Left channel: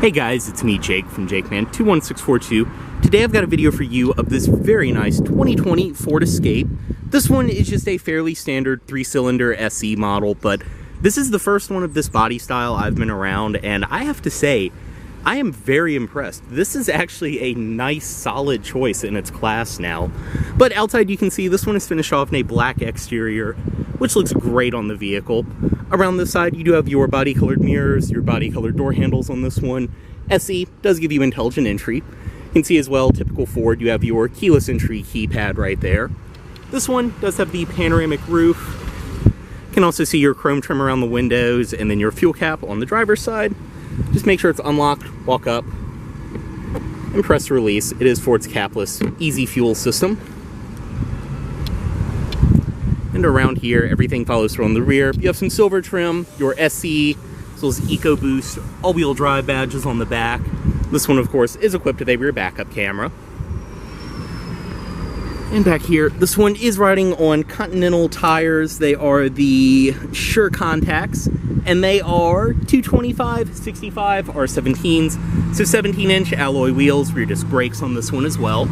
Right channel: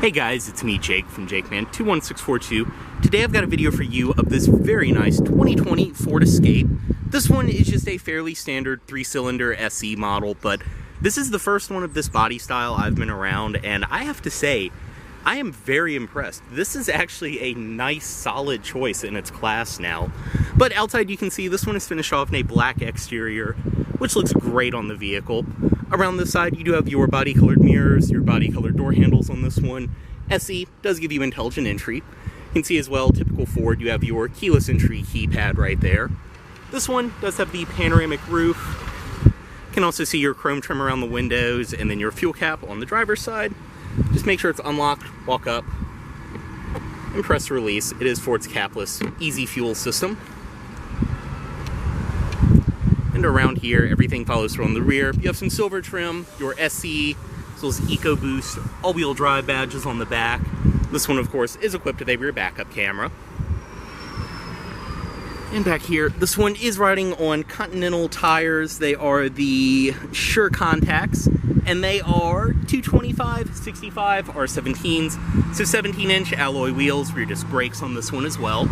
Hey guys, it's me Jake from JakeMan21642. Today I've got a video for you of this very nice 2020 Ford Escape. This one is just a fairly standard 3-cylinder SE model, but this is the first one of this body style I've been around, and I have to say, I am very impressed. This is actually a nice, solid choice in its class now. But outside you can see this one is finished off in a black exterior, which looks great on the vehicle. Around this side, you do have your body-colored mirrors, your body-colored door handles on this one. SE does give you intelligent entry. You can see as well, typical Ford, you have your keyless entry keypad right there. This one does have the panoramic roof. You can also see your chrome trim around the windows, and then your fuel cap on the driver's side. Just make sure it's unlocked, walk up, and press release. It is Ford's capless, easy fuel system. And around here, everything follows through on the rear. You have some silver trim, your SE, as well as Ecoboost, all-wheel drive badges on the back. This one, of course, is equipped with a rear backup camera. And back here, this one is riding on Continental tires. They are the Sure Contacts, and they are 225, 65, R17s. So 17-inch alloy wheels, rear disc brakes on this one as well.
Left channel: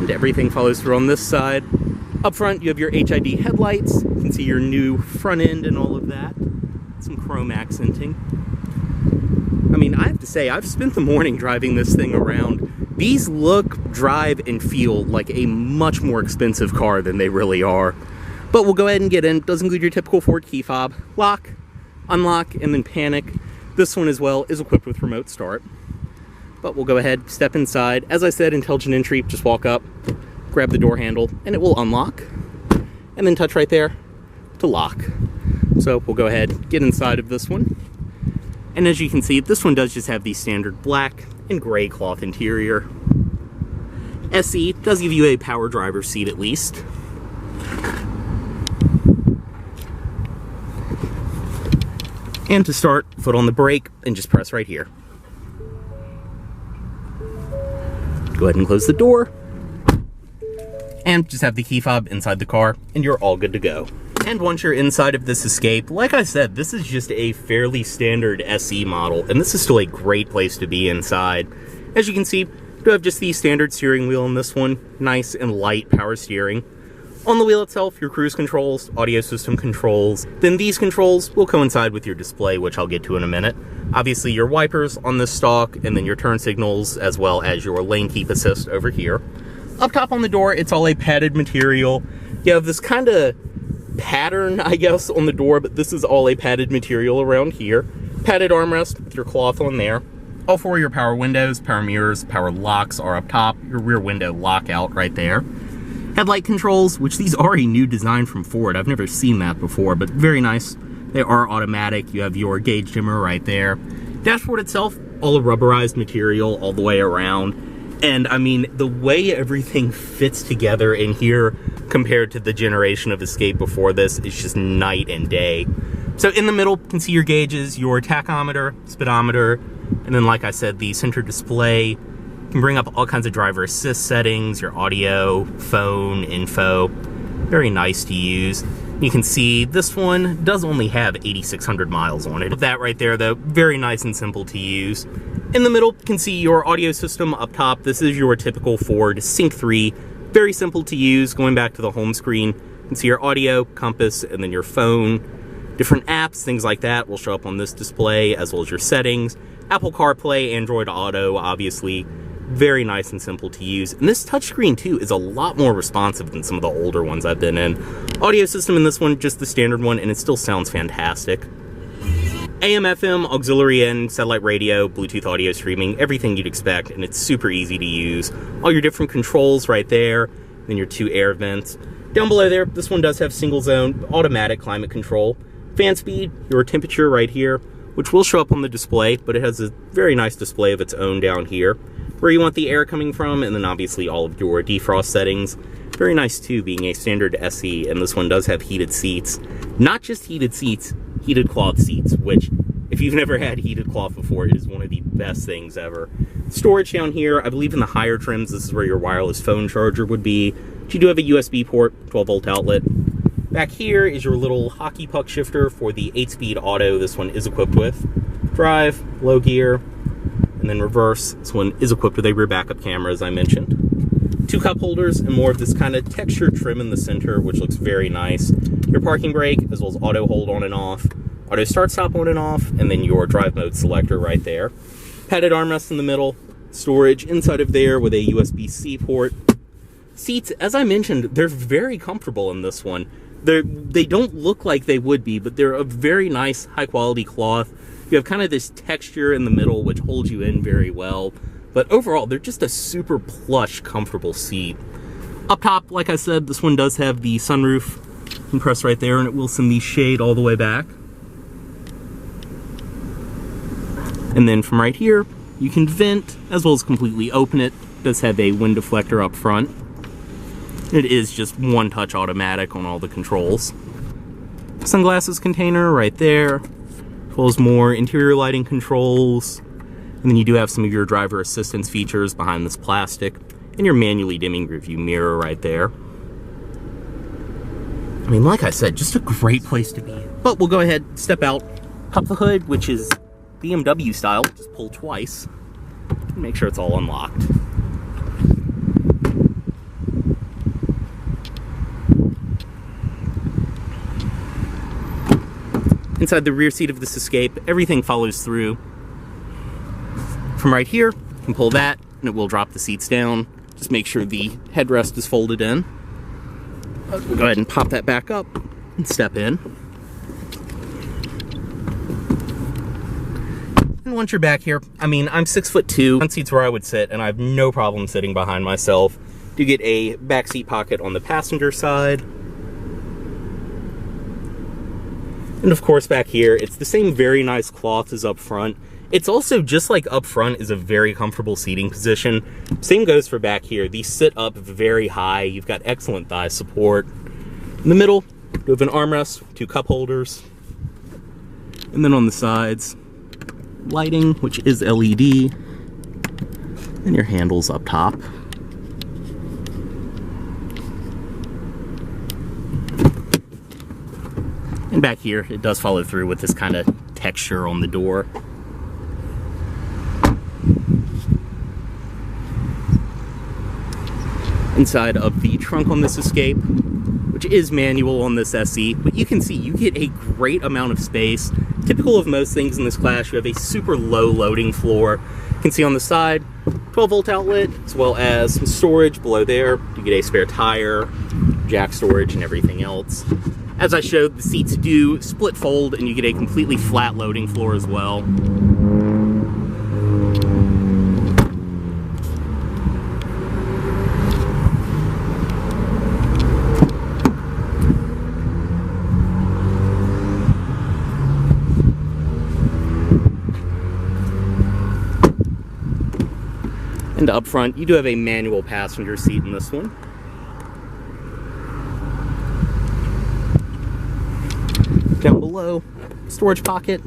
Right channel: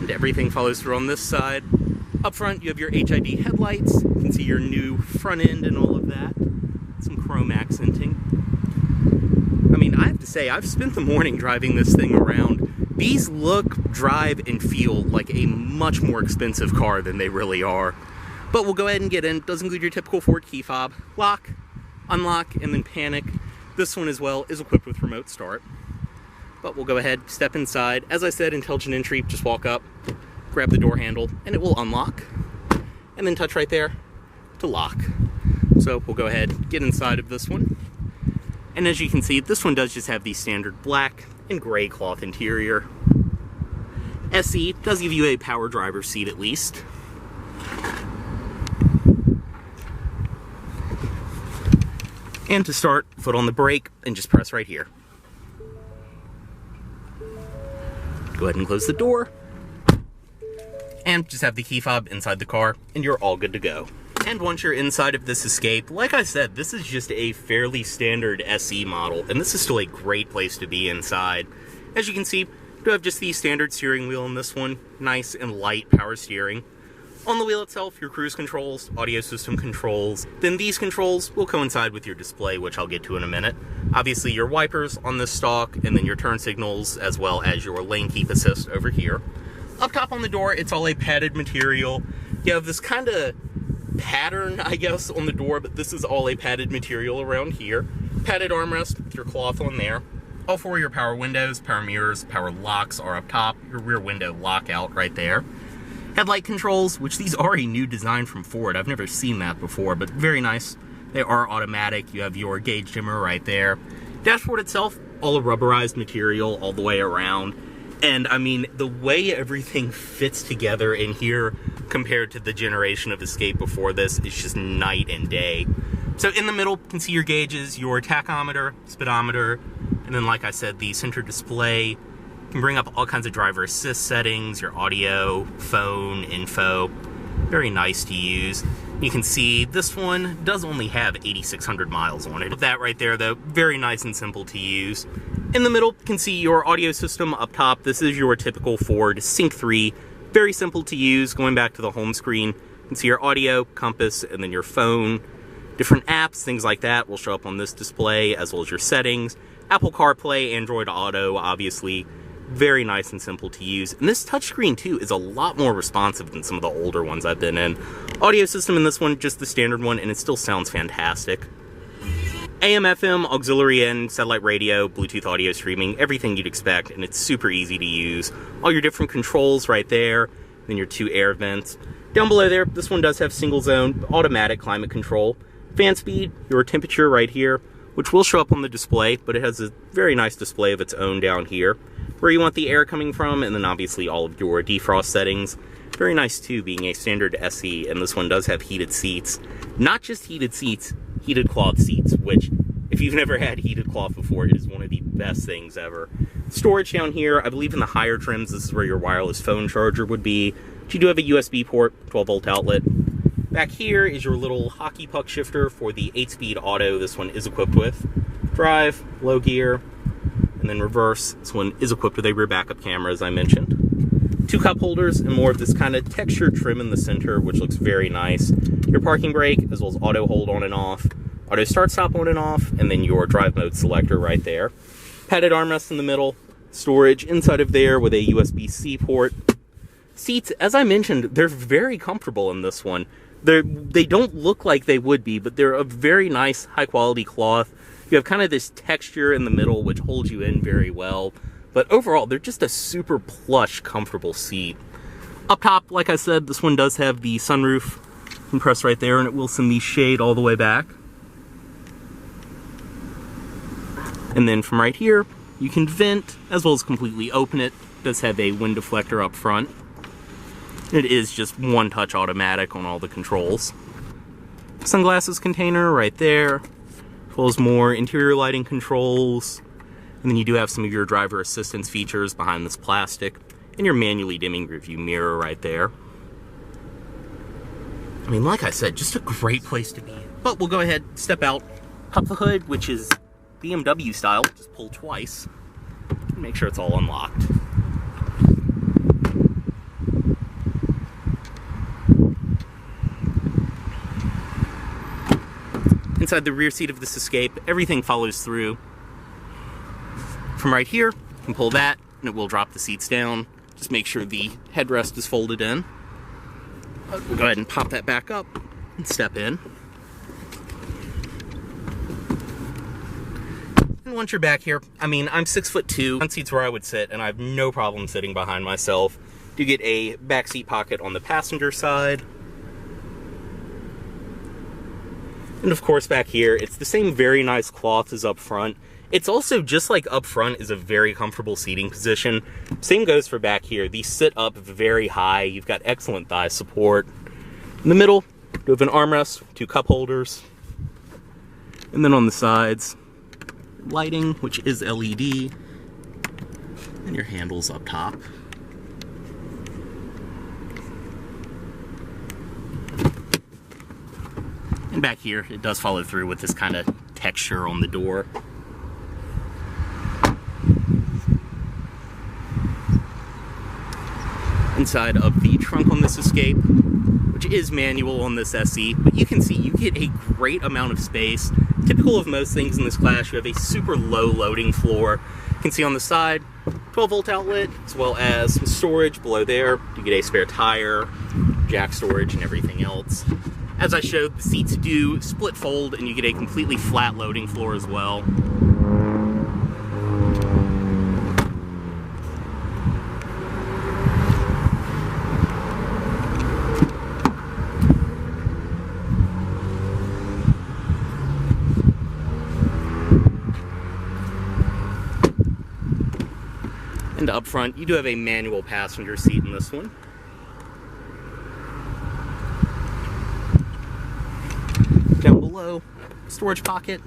And everything follows through on this side. Up front, you have your HID headlights. You can see your new front end and all of that. Some chrome accenting. I mean, I have to say, I've spent the morning driving this thing around. These look, drive, and feel like a much more expensive car than they really are. But we'll go ahead and get in. It does include your typical Ford key fob. Lock, unlock, and then panic. This one as well is equipped with remote start. But we'll go ahead, step inside. As I said, intelligent entry, just walk up, grab the door handle, and it will unlock. And then touch right there to lock. So we'll go ahead, get inside of this one. And as you can see, this one does just have the standard black and gray cloth interior. SE does give you a power driver's seat at least. And to start, foot on the brake and just press right here. Go ahead and close the door. And just have the key fob inside the car and you're all good to go. And once you're inside of this Escape, like I said, this is just a fairly standard SE model, and this is still a great place to be inside. As you can see, you do have just the standard steering wheel in this one, nice and light power steering. On the wheel itself, your cruise controls, audio system controls, then these controls will coincide with your display, which I'll get to in a minute. Obviously your wipers on this stalk, and then your turn signals, as well as your lane keep assist over here. Up top on the door, it's all a padded material. You have this kind of pattern, I guess, on the door, but this is all a padded material around here. Padded armrest with your cloth on there. All four of your power windows, power mirrors, power locks are up top. Your rear window lockout right there. Headlight controls, which these are a new design from Ford. I've never seen that before, but very nice. They are automatic. You have your gauge dimmer right there. Dashboard itself, all a rubberized material all the way around. And I mean, the way everything fits together in here compared to the generation of Escape before this is just night and day. So in the middle, you can see your gauges, your tachometer, speedometer, and then like I said, the center display. You can bring up all kinds of driver assist settings, your audio, phone, info. Very nice to use. You can see this one does only have 8,600 miles on it. That right there though, very nice and simple to use. In the middle, you can see your audio system up top. This is your typical Ford Sync 3. Very simple to use. Going back to the home screen, you can see your audio, compass, and then your phone. Different apps, things like that will show up on this display, as well as your settings. Apple CarPlay, Android Auto, obviously. Very nice and simple to use. And this touchscreen, too, is a lot more responsive than some of the older ones I've been in. Audio system in this one, just the standard one, and it still sounds fantastic. AM, FM, auxiliary in, satellite radio, Bluetooth audio streaming, everything you'd expect, and it's super easy to use. All your different controls right there, then your two air vents. Down below there, this one does have single zone, automatic climate control. Fan speed, your temperature right here, which will show up on the display, but it has a very nice display of its own down here. Where you want the air coming from, and then obviously all of your defrost settings. Very nice too, being a standard SE, and this one does have heated seats. Not just heated seats, heated cloth seats, which, if you've never had heated cloth before, it is one of the best things ever. Storage down here, I believe in the higher trims, this is where your wireless phone charger would be. But you do have a USB port, 12-volt outlet. Back here is your little hockey puck shifter for the 8-speed auto this one is equipped with. Drive, low gear, and then reverse. This one is equipped with a rear backup camera, as I mentioned. 2 cup holders and more of this kind of textured trim in the center, which looks very nice. Your parking brake, as well as auto hold on and off, auto start stop on and off, and then your drive mode selector right there. Padded armrest in the middle, storage inside of there with a USB-C port. Seats, as I mentioned, they're very comfortable in this one. They don't look like they would be, but they're a very nice, high-quality cloth. You have kind of this texture in the middle, which holds you in very well. But overall, they're just a super plush, comfortable seat. Up top, like I said, this one does have the sunroof. You can press right there, and it will send the shade all the way back. And then from right here, you can vent, as well as completely open it. It does have a wind deflector up front. It is just one-touch automatic on all the controls. Sunglasses container right there, as well as more interior lighting controls. And then you do have some of your driver assistance features behind this plastic, and your manually dimming rearview mirror right there. I mean, like I said, just a great place to be. But we'll go ahead, step out, pop the hood, which is BMW style, just pull twice, and make sure it's all unlocked. Inside the rear seat of this Escape, everything follows through. From right here, you can pull that, and it will drop the seats down. Just make sure the headrest is folded in. We'll go ahead and pop that back up and step in. And once you're back here, I mean, I'm 6'2". Front seat's where I would sit, and I have no problem sitting behind myself. You get a back seat pocket on the passenger side. And of course back here, it's the same very nice cloth as up front. It's also, just like up front, is a very comfortable seating position. Same goes for back here. These sit up very high. You've got excellent thigh support. In the middle, you have an armrest, 2 cup holders. And then on the sides, lighting, which is LED. And your handles up top. And back here, it does follow through with this kind of texture on the door. Inside of the trunk on this Escape, which is manual on this SE, but you can see you get a great amount of space. Typical of most things in this class, you have a super low loading floor. You can see on the side, 12-volt outlet, as well as some storage below there. You get a spare tire, jack storage, and everything else. As I showed, the seats do split fold, and you get a completely flat loading floor as well. And up front, you do have a manual passenger seat in this one. Down below, storage pocket,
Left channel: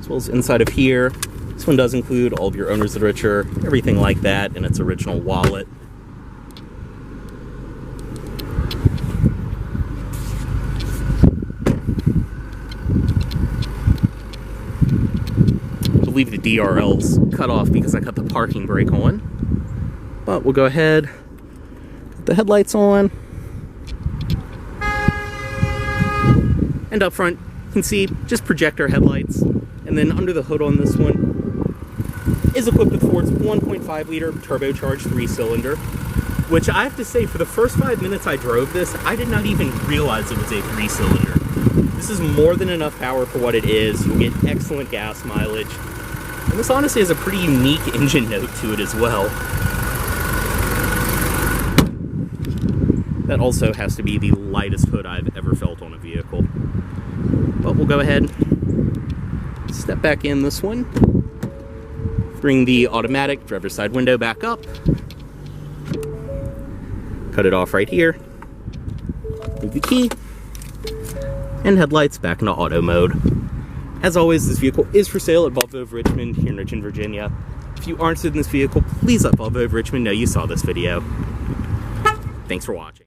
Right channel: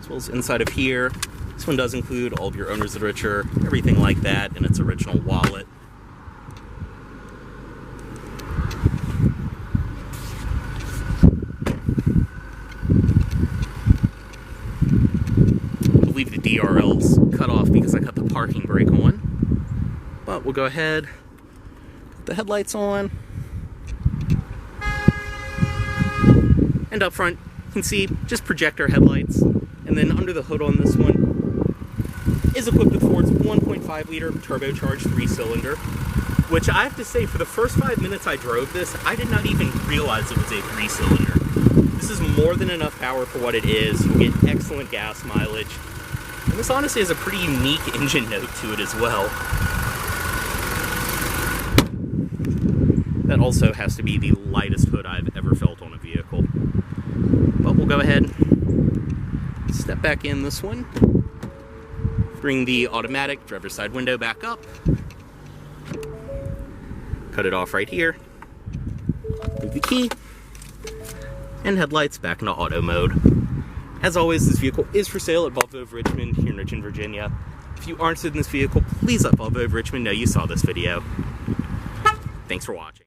as well as inside of here. This one does include all of your owner's literature, everything like that, in its original wallet. I believe the DRL's cut off because I cut the parking brake on. But we'll go ahead, put the headlights on. And up front, you can see just projector headlights. And then under the hood on this one is equipped with Ford's 1.5 liter turbocharged 3-cylinder, which I have to say, for the first 5 minutes I drove this, I did not even realize it was a 3-cylinder. This is more than enough power for what it is. You'll get excellent gas mileage. And this honestly has a pretty unique engine note to it as well. That also has to be the lightest hood I've ever felt on a vehicle. But we'll go ahead, step back in this one, bring the automatic driver's side window back up, cut it off right here, move the key, and headlights back into auto mode. As always, this vehicle is for sale at Volvo of Richmond here in Richmond, Virginia. If you aren't interested in this vehicle, please let Volvo of Richmond know you saw this video. Thanks for watching.